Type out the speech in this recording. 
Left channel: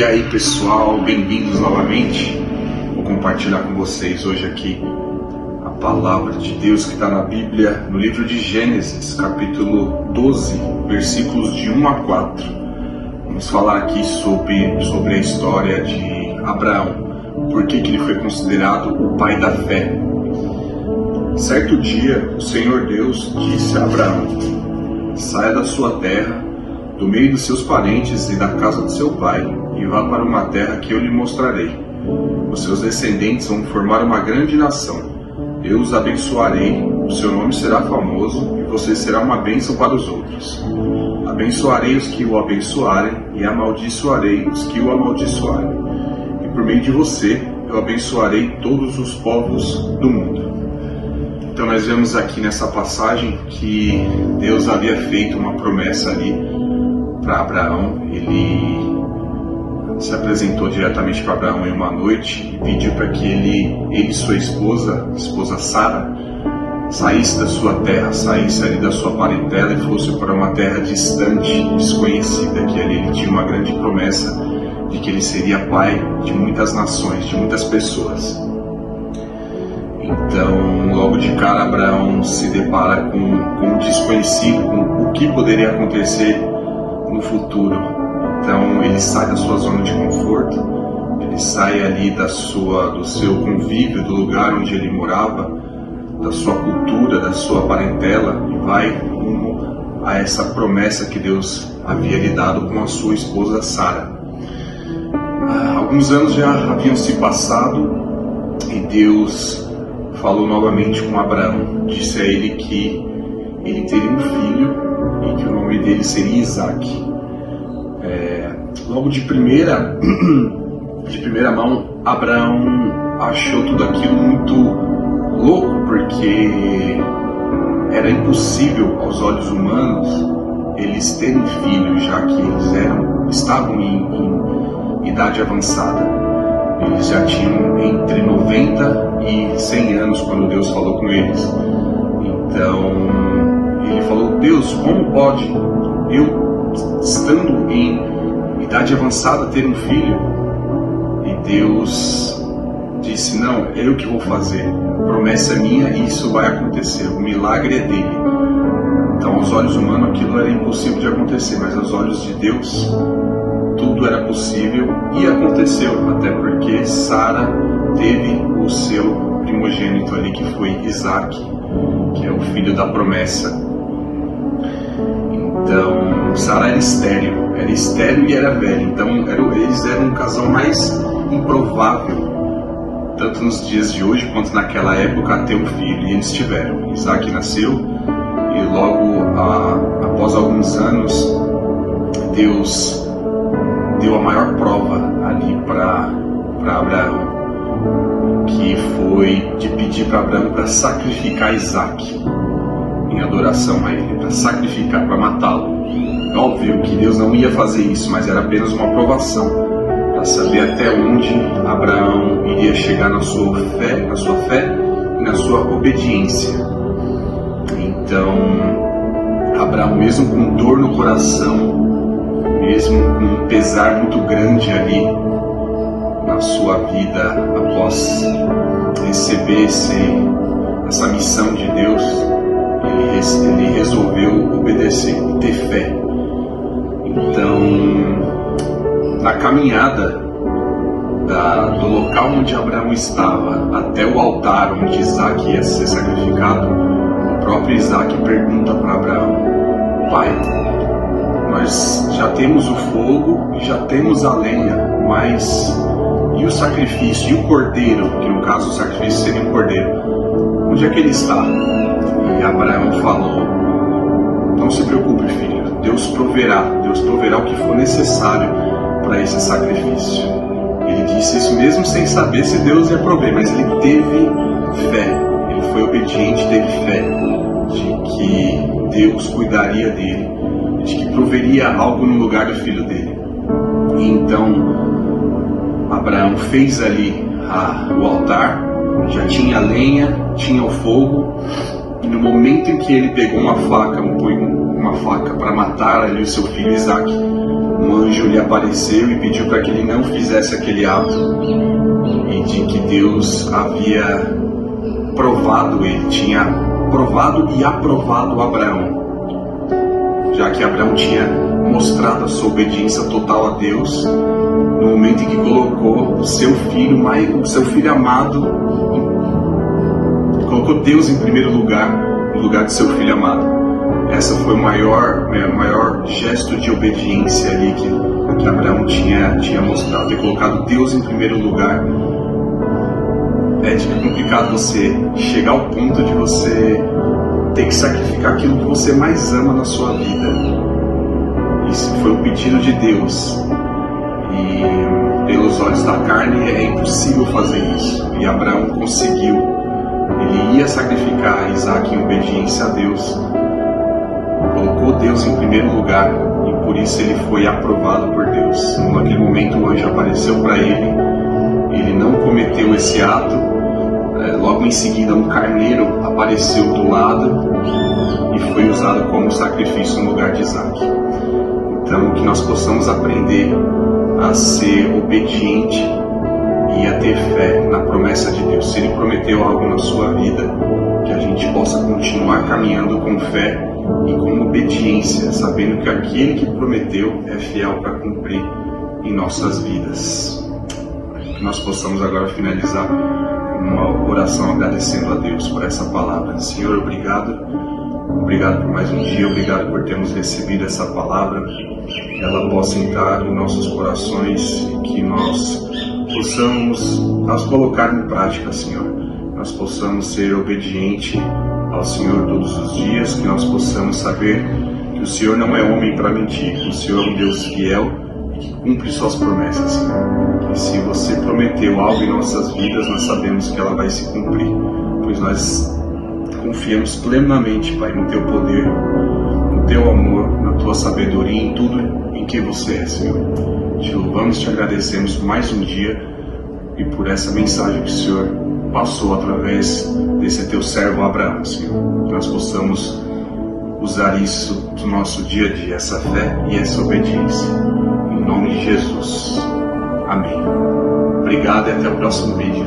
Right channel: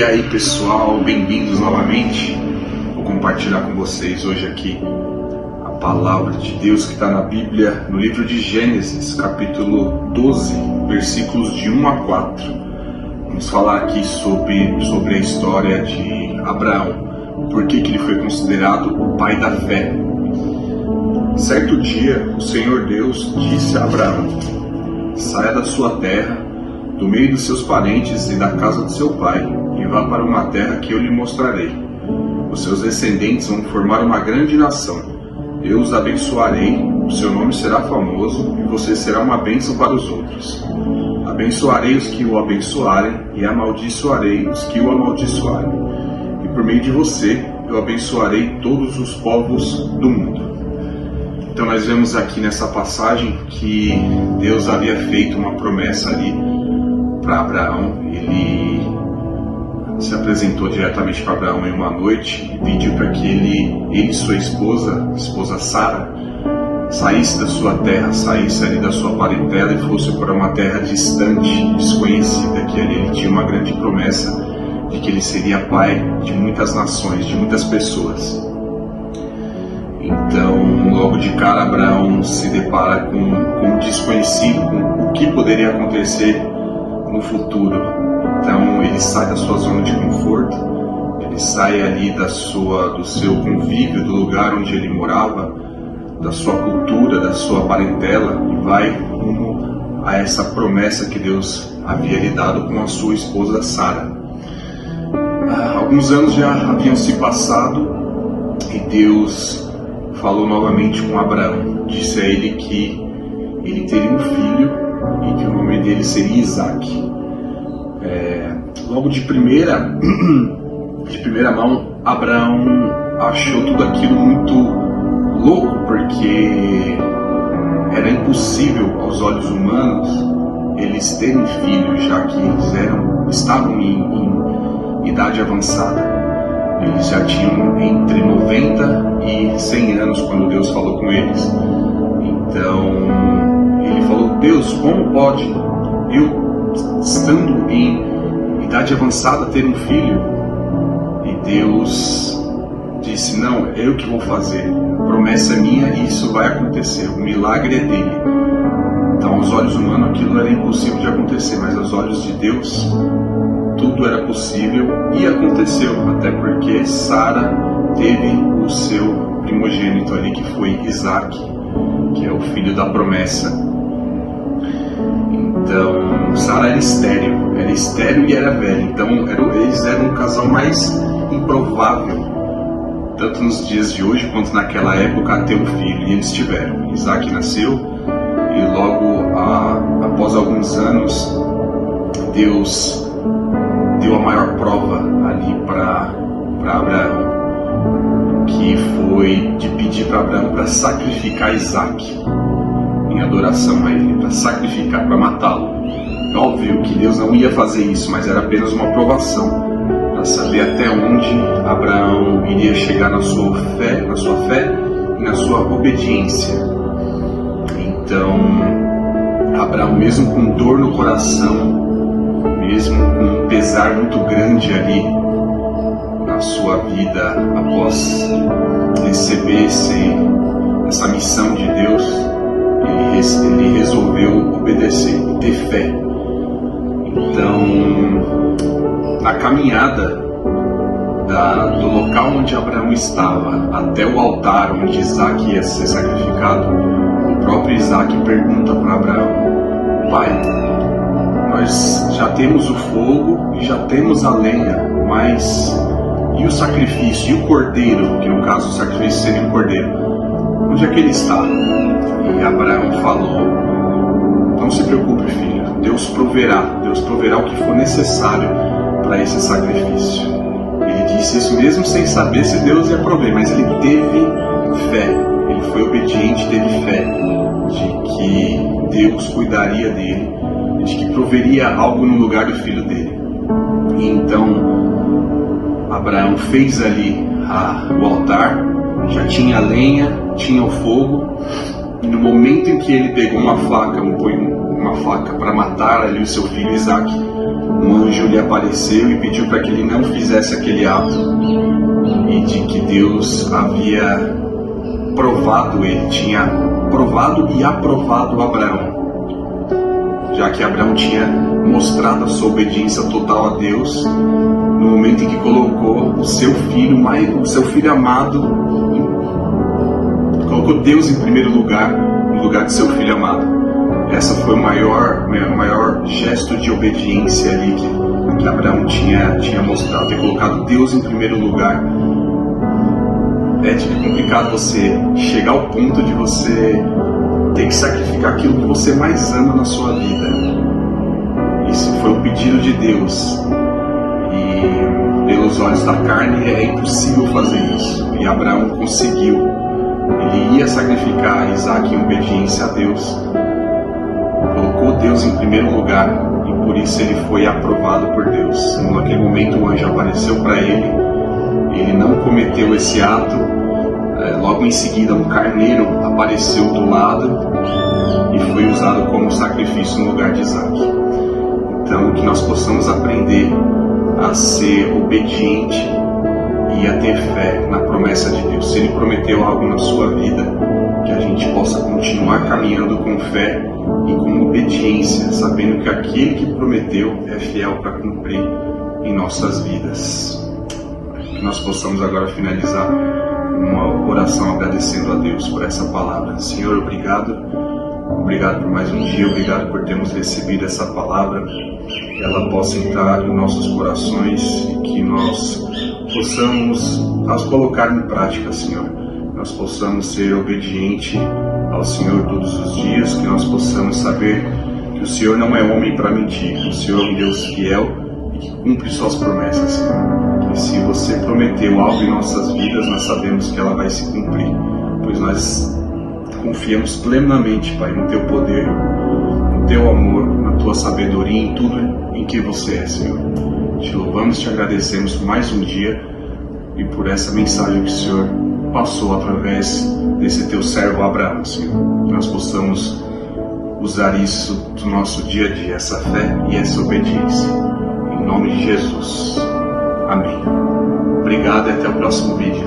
E aí pessoal, bem-vindos novamente. Vou compartilhar com vocês hoje aqui a palavra de Deus que está na Bíblia, no livro de Gênesis, capítulo 12, versículos de 1 a 4. Vamos falar aqui sobre a história de Abraão, por que ele foi considerado o pai da fé. Certo dia, o Senhor Deus disse a Abraão: saia da sua terra, do meio dos seus parentes e da casa de seu pai, e vá para uma terra que eu lhe mostrarei. Os seus descendentes vão formar uma grande nação. Eu os abençoarei, o seu nome será famoso, e você será uma bênção para os outros. Abençoarei os que o abençoarem, e amaldiçoarei os que o amaldiçoarem. E por meio de você, eu abençoarei todos os povos do mundo. Então nós vemos aqui nessa passagem que Deus havia feito uma promessa ali para Abraão. Ele se apresentou diretamente para Abraão em uma noite e pediu para que ele e sua esposa Sara, saísse da sua terra, saísse ali da sua parentela e fosse para uma terra distante, desconhecida, que ali ele tinha uma grande promessa de que ele seria pai de muitas nações, de muitas pessoas. Então, logo de cara, Abraão se depara com o desconhecido, com o que poderia acontecer no futuro. Então, ele sai da sua zona de conforto, ele sai ali do seu convívio, do lugar onde ele morava, da sua cultura, da sua parentela, e vai rumo a essa promessa que Deus havia lhe dado com a sua esposa Sara. Alguns anos já haviam se passado e Deus falou novamente com Abraão. Disse a ele que ele teria um filho e que o nome dele seria Isaque. Logo de primeira mão, Abraão achou tudo aquilo muito louco, porque era impossível aos olhos humanos eles terem filhos, já que eles estavam em idade avançada. Eles já tinham entre 90 e 100 anos quando Deus falou com eles. Então ele falou: Deus, como pode eu, estando em idade avançada, ter um filho? E Deus disse: não, é eu que vou fazer, a promessa é minha e isso vai acontecer, o milagre é dele. Então aos olhos humanos aquilo era impossível de acontecer, mas aos olhos de Deus tudo era possível e aconteceu, até porque Sara teve o seu primogênito ali, que foi Isaque, que é o filho da promessa. Então Sara era estéril e era velha, então eles eram um casal mais improvável, tanto nos dias de hoje quanto naquela época, a ter um filho. E eles tiveram. Isaque nasceu e logo após alguns anos Deus deu a maior prova ali para Abraão, que foi de pedir para Abraão para sacrificar Isaque em adoração a ele, para sacrificar, para matá-lo. Óbvio que Deus não ia fazer isso, mas era apenas uma provação, para saber até onde Abraão iria chegar na sua fé e na sua obediência. Então, Abraão, mesmo com dor no coração, mesmo com um pesar muito grande ali na sua vida, após receber essa missão de Deus, ele resolveu obedecer e ter fé. Então, na caminhada do local onde Abraão estava até o altar onde Isaque ia ser sacrificado, o próprio Isaque pergunta para Abraão: pai, nós já temos o fogo e já temos a lenha, mas e o sacrifício? E o cordeiro, que no caso o sacrifício seria um cordeiro, onde é que ele está? E Abraão falou: não se preocupe, filho, Deus proverá o que for necessário para esse sacrifício. Ele disse isso mesmo sem saber se Deus ia prover, mas ele teve fé, ele foi obediente, teve fé de que Deus cuidaria dele, de que proveria algo no lugar do filho dele. E então Abraão fez ali o altar, já tinha a lenha, tinha o fogo, e no momento em que ele pegou uma faca no punho uma faca para matar ali o seu filho Isaac, um anjo lhe apareceu e pediu para que ele não fizesse aquele ato, e de que Deus havia provado ele, tinha provado e aprovado Abraão, já que Abraão tinha mostrado a sua obediência total a Deus no momento em que colocou o seu filho amado, colocou Deus em primeiro lugar, no lugar de seu filho amado. Essa foi o maior gesto de obediência ali que Abraão tinha mostrado, ter colocado Deus em primeiro lugar. É complicado você chegar ao ponto de você ter que sacrificar aquilo que você mais ama na sua vida. Isso foi o pedido de Deus. E pelos olhos da carne é impossível fazer isso. E Abraão conseguiu. Ele ia sacrificar Isaac em obediência a Deus. Colocou Deus em primeiro lugar. E por isso ele foi aprovado por Deus. Naquele momento o anjo apareceu para ele. Ele não cometeu esse ato. Logo em seguida um carneiro apareceu do lado e foi usado como sacrifício no lugar de Isaac. Então que nós possamos aprender a ser obediente e a ter fé na promessa de Deus. Se Ele prometeu algo na sua vida, que a gente possa continuar caminhando com fé e com obediência, sabendo que aquele que prometeu é fiel para cumprir em nossas vidas. Que nós possamos agora finalizar uma oração agradecendo a Deus por essa palavra. Senhor, obrigado por mais um dia, obrigado por termos recebido essa palavra, que ela possa entrar em nossos corações e que nós possamos colocar em prática, Senhor. Nós possamos ser obedientes ao Senhor todos os dias, que nós possamos saber que o Senhor não é homem para mentir, que o Senhor é um Deus fiel e que cumpre suas promessas, Senhor. E se você prometeu algo em nossas vidas, nós sabemos que ela vai se cumprir, pois nós confiamos plenamente, Pai, no Teu poder, no Teu amor, na Tua sabedoria, em tudo em que você é, Senhor. Te louvamos, te agradecemos por mais um dia e por essa mensagem que o Senhor passou através desse Teu servo Abraão, Senhor. Que nós possamos usar isso do nosso dia a dia, essa fé e essa obediência. Em nome de Jesus. Amém. Obrigado e até o próximo vídeo.